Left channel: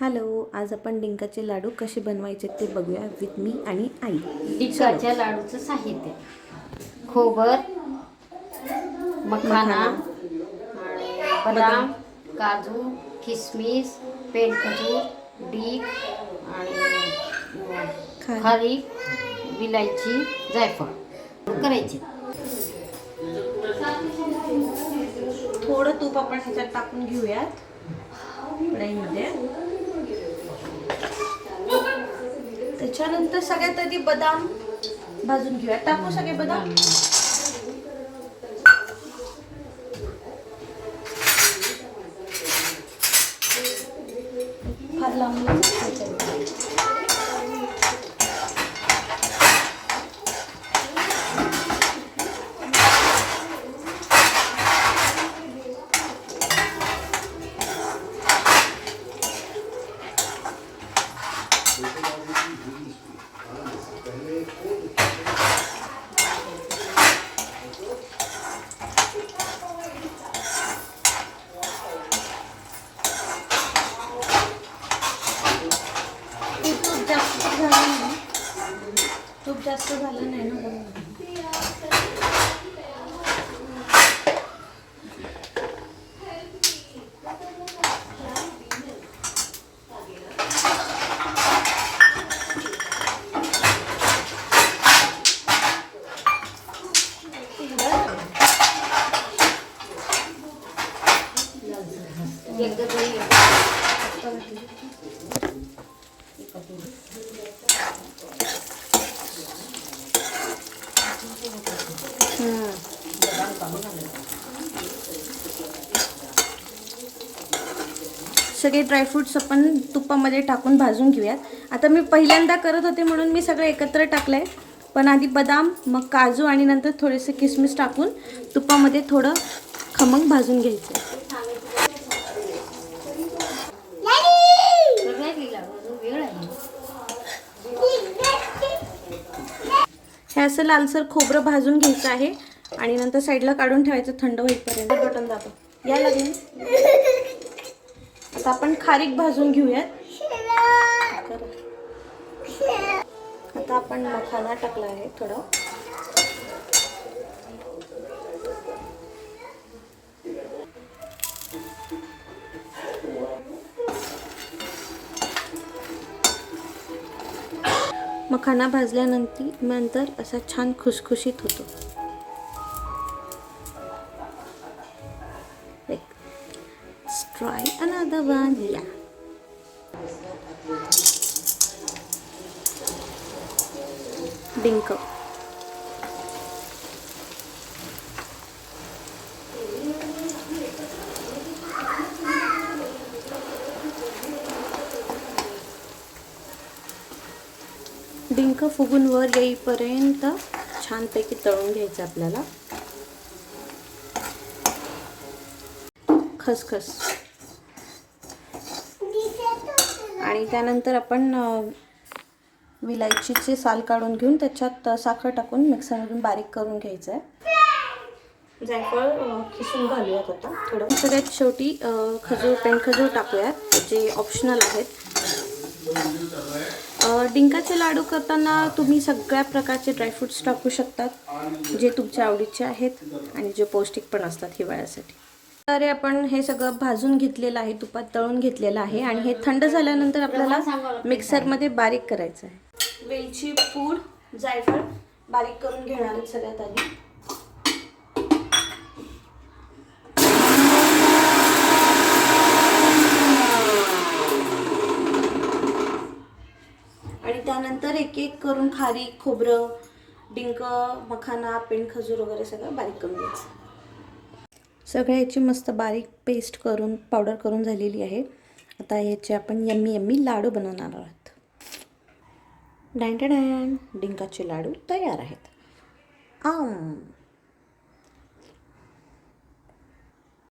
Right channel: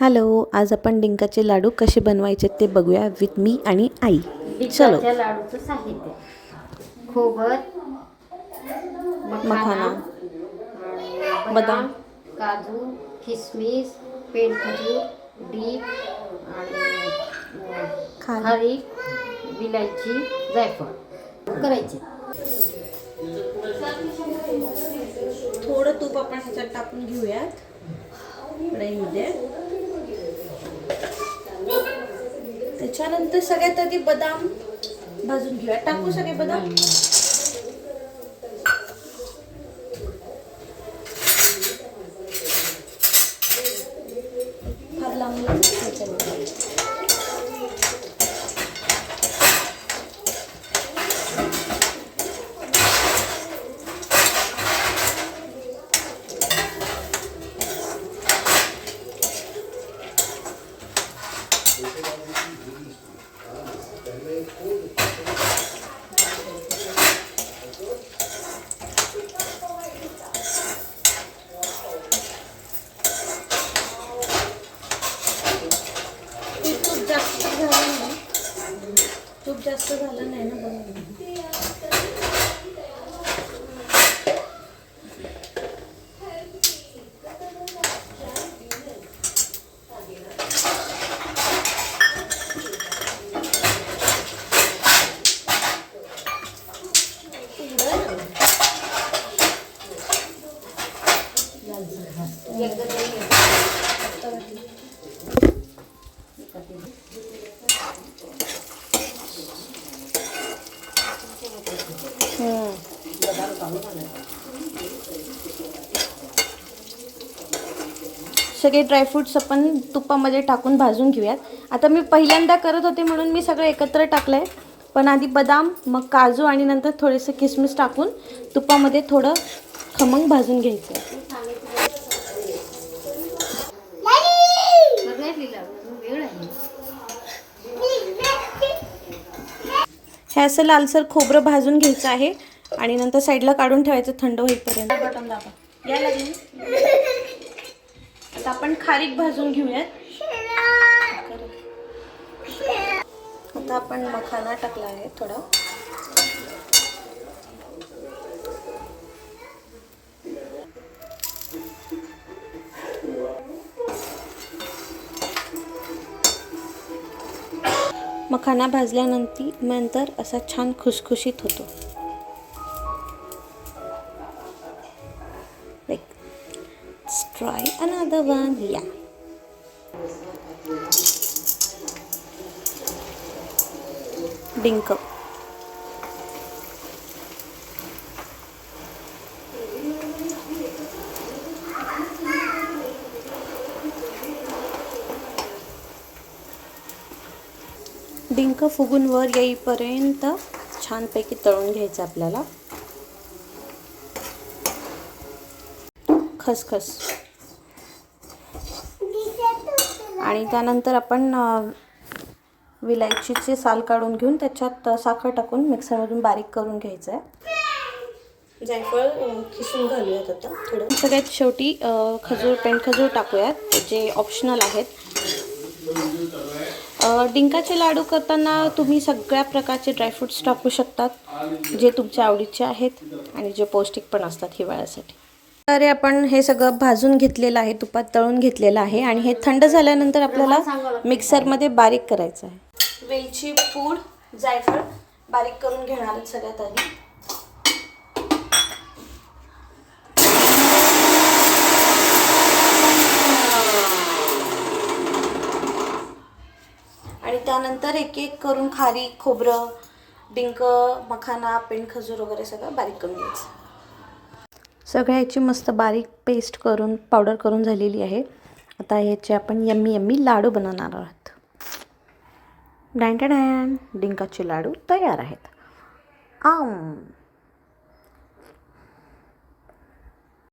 Hello, आज आपण डिंकाचे लाडू कसे बनवायचे ते बघूया विथ मी आणि आई. डिंकाच्या लाडूचं साहित्य: खोबर, मखाना, बदाम, काजू, किसमिस, पेंडखजूर, डिक आणि खारीक, विलायची, जायफळ करायचे. थोडं तूप आपण ह्याच्यात टाकून घेऊयात कढईमध्ये. त्याच्यानंतर सगळ्यात आधी बदाम भाजून घेऊया. टाकू सगळे बदाम. फार लावून तूप जास्त झालं नाही ना बनवून. सगळे ड्रायफ्रूट्स आपण तुपामध्ये टाकून भाजून घेऊयात. आता मी पहिल्यांदा करत होते म्हणून मी सगळं एकत्र टाकलंय, पण आधी बदाम, मग काजू आणि नंतर थोडेसे किसमिस टाकून तुपामध्ये थोडं खमंग भाजून घ्यायचं. हे असं लालसर खोबरं भाजून घ्यायचं आहे आणि नंतर साईडला काढून ठेवायचं थंड होईपर्यंत. बटन दाबा. या लागेल. आता आपण खारीक भाजून घेऊयात. आता आपण मखाना टाकला आहे थोडा. मखाना भाजल्यानंतर असा छान खुसखुशीत होतो. Let's try another one. Yeah. डिंक. डिंक फुगून वर येईपर्यंत छानपैकी तळून घ्यायचं आपल्याला. खसखस आणि त्यानंतर आपण विलायचीचे साल काढून घेऊन त्याच्यात साखर टाकून मिक्सरमधून बारीक करून घ्यायचं आहे. जायफळ खिसून घालूयात आता थोडं. सगळ्यात शेवटी पेंडखजूर टाकूयात, जे ऑप्शनल आहेत. डिंकाचे लाडू करताना तुम्ही सगळ्या प्रकारचे ड्रायफ्रूट्स टाकू शकतात, जे तुमच्या आवडीचे आहेत आणि जे पौष्टिक पण असतात हिवाळ्यासाठी. तर आपण हे सगळं भाजून घेतलेलं आहे, तुपात तळून घेतलेलं आहे आणि हे थंड झाल्यानंतर आपल्याला मिक्सरमध्ये बारीक करायचं आहे. वेलची पूड, जायफळ बारीक करून घेणार आहेत सगळ्यात आधी. आणि त्यानंतर एक एक करून खारीक, खोबरं, डिंक, मखाना, पेंडखजूर वगैरे सगळं बारीक करून घ्यायचं. सगळ्याची मस्त बारीक पेस्ट करून पावडर करून झालेली आहे. आता याचे आपण यम्मी लाडू बनवणार आहोत. डॅन डिंकाचे लाडू तयार आहेत.